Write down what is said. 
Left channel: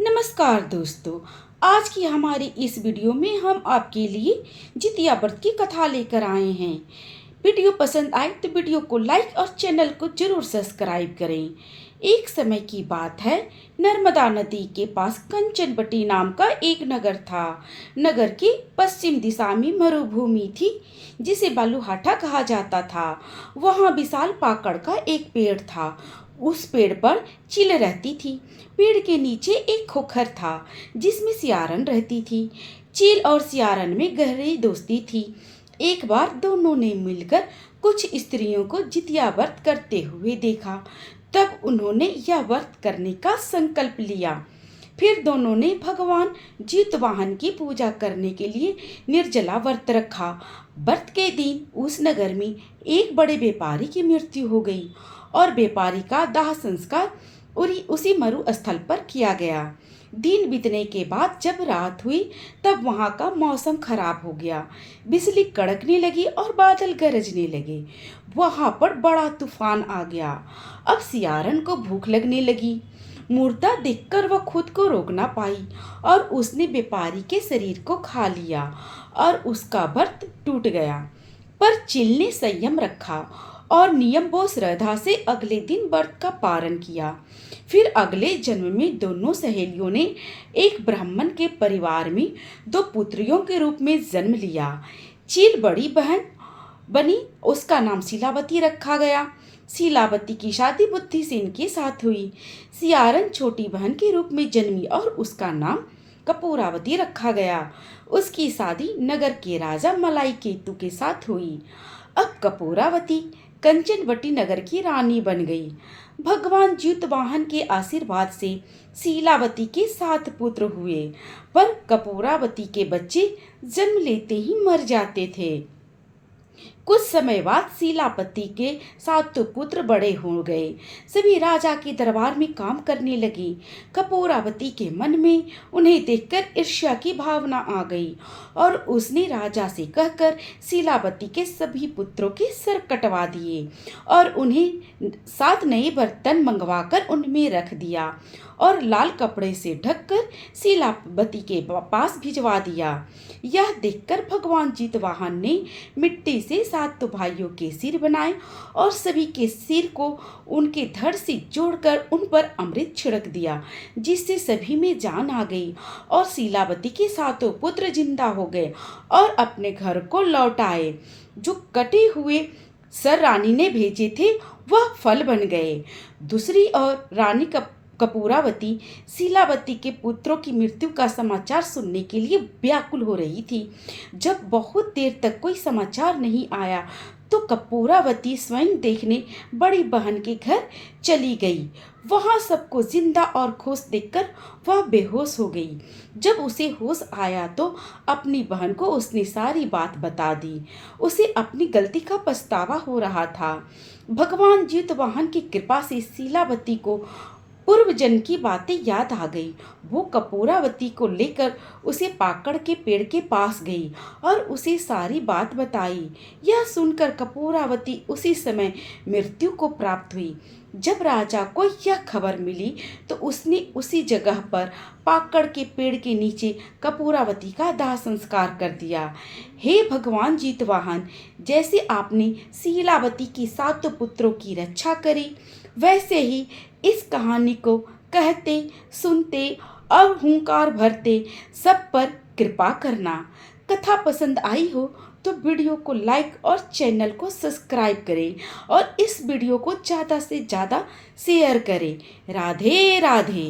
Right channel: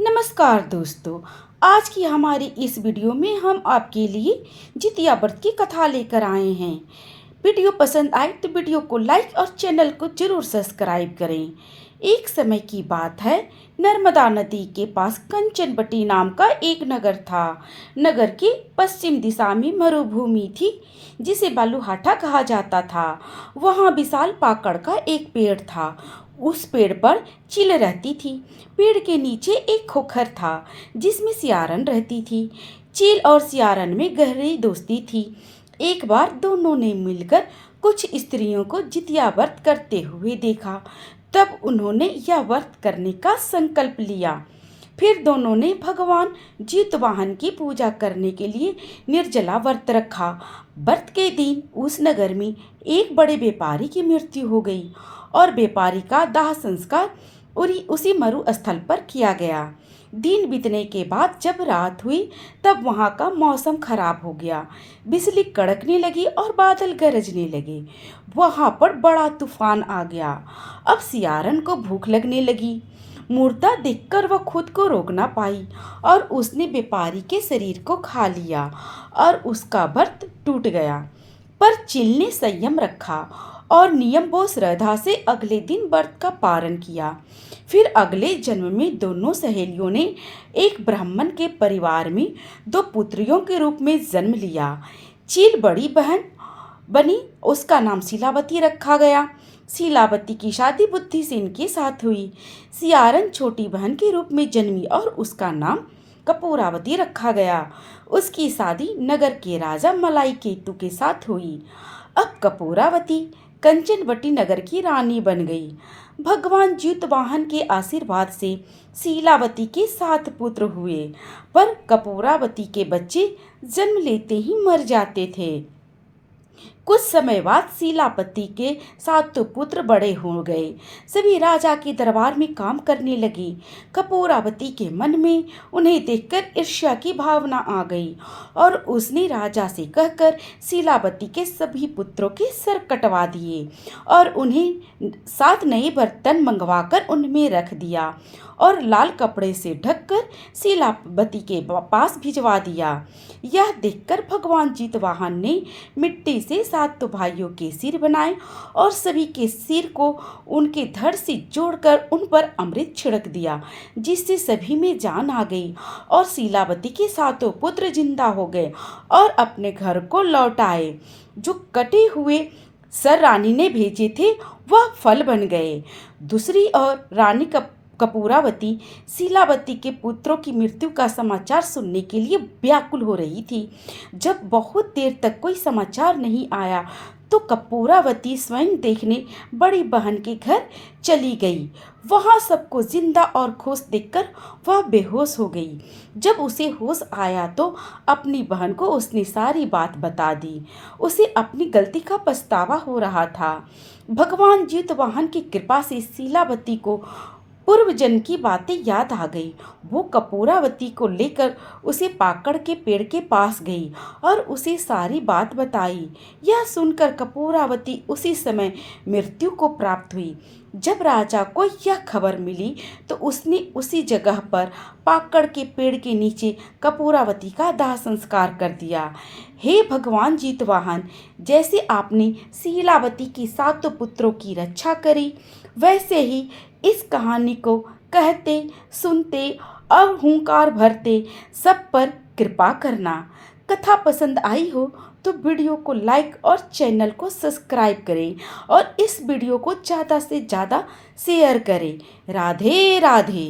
नमस्कार दोस्तों। आज की हमारी इस वीडियो में हम आपके लिए जितिया व्रत की कथा लेकर आए हैं। वीडियो पसंद आए तो वीडियो को लाइक और चैनल को जरूर सब्सक्राइब करें। एक समय की बात है, नर्मदा नदी के पास कंचनबटी नाम का एक नगर था। नगर के पश्चिम दिशा में मरुभूमि थी जिसे बालूहाटा कहा जाता था। वहाँ विशाल पाकड़ का एक पेड़ था। उस पेड़ पर चील रहती थी। पेड़ के नीचे एक खोखर था जिसमें सियारन रहती थी। चील और सियारन में गहरी दोस्ती थी। एक बार दोनों ने मिलकर कुछ स्त्रियों को जितिया व्रत करते हुए देखा। तब उन्होंने यह व्रत करने का संकल्प लिया। फिर दोनों ने भगवान जितवाहन की पूजा करने के लिए निर्जला व्रत रखा। व्रत के दिन उस नगर में एक बड़े व्यापारी की मृत्यु हो गई और व्यापारी का दाह संस्कार उसी मरु स्थल पर किया गया। दिन बीतने के बाद जब रात हुई तब वहां का मौसम खराब हो गया। बिजली कड़कने लगी और बादल गरजने लगे। वहां पर बड़ा तूफान आ गया। अब सियारन को भूख लगने लगी। मुर्दा देखकर वह खुद को रोक ना पाई और उसने व्यापारी के शरीर को खा लिया और उसका व्रत टूट गया। पर चिल ने संयम रखा और नियम व श्रद्धा से अगले दिन व्रत का पारण किया। फिर अगले जन्म में दोनों सहेलियों ने एक ब्राह्मण के परिवार में दो पुत्रियों के रूप में जन्म लिया। चील बड़ी बहन बनी, उसका नाम शीलावती रखा गया। शीलावती की शादी बुद्धिसेन के साथ हुई। सियारन छोटी बहन के रूप में जन्मी और उसका नाम कपूरावती रखा गया। उसकी शादी नगर के राजा मलाई केतु के साथ हुई। अब कपूरावती कंचनवटी नगर की रानी बन गई। भगवान जितवाहन के आशीर्वाद से शीलावती के 7 पुत्र हुए, पर कपूरावती के बच्चे जन्म लेते ही मर जाते थे। कुछ समय बाद शीलावती के 7 पुत्र बड़े हो गए। सभी राजा के दरबार में काम करने लगे। कपूरावती के मन में उन्हें देखकर ईर्ष्या की भावना आ गई और उसने राजा से कहकर शीलावती के सभी पुत्रों के सर कटवा दिए और उन्हें 7 नए बर्तन मंगवाकर उनमें रख दिया और लाल कपड़े से ढककर शीलावती के पास भिजवा दिया। यह देखकर भगवान जितवाहन ने मिट्टी से 7 भाइयों के सिर बनाए और सभी के सिर को उनके धड़ से जोड़कर उन पर अमृत छिड़क दिया, जिससे सभी में जान आ गई और शीलावती के 7 पुत्र जिंदा हो गए और अपने घर को लौट आए। जो कटे हुए सर रानी ने भेजे थे वह फल बन गए। दूसरी ओर रानी कपूरावती शीलावती के पुत्रों की मृत्यु का समाचार सुनने के लिए व्याकुल हो रही थी। जब बहुत देर तक कोई समाचार नहीं आया तो कपूरावती स्वयं देखने बड़ी बहन के घर चली गई। वहां सबको जिंदा और खुश देखकर वह बेहोश हो गई। जब उसे होश आया तो अपनी बहन को उसने सारी बात बता दी। उसे अपनी गलती का पछतावा हो रहा था। भगवान जितवाहन की कृपा से शीलावती को पूर्व जन्म की बातें याद आ गई। वो कपूरावती को लेकर उसे पाकड़ के पेड़ के पास गई और उसे सारी बात बताई। यह सुनकर कपूरावती उसी समय मृत्यु को प्राप्त हुई। जब राजा को यह खबर मिली तो उसने उसी जगह पर पाकड़ के पेड़ के नीचे कपूरावती का दाह संस्कार कर दिया। हे भगवान जितवाहन, जैसे आपने शीलावती की 7 पुत्रों की रक्षा करी, वैसे ही इस कहानी को कहते, सुनते और हुंकार भरते सब पर कृपा करना। कथा पसंद आई हो तो वीडियो को लाइक और चैनल को सब्सक्राइब करें और इस वीडियो को ज़्यादा से ज़्यादा शेयर करें। राधे राधे।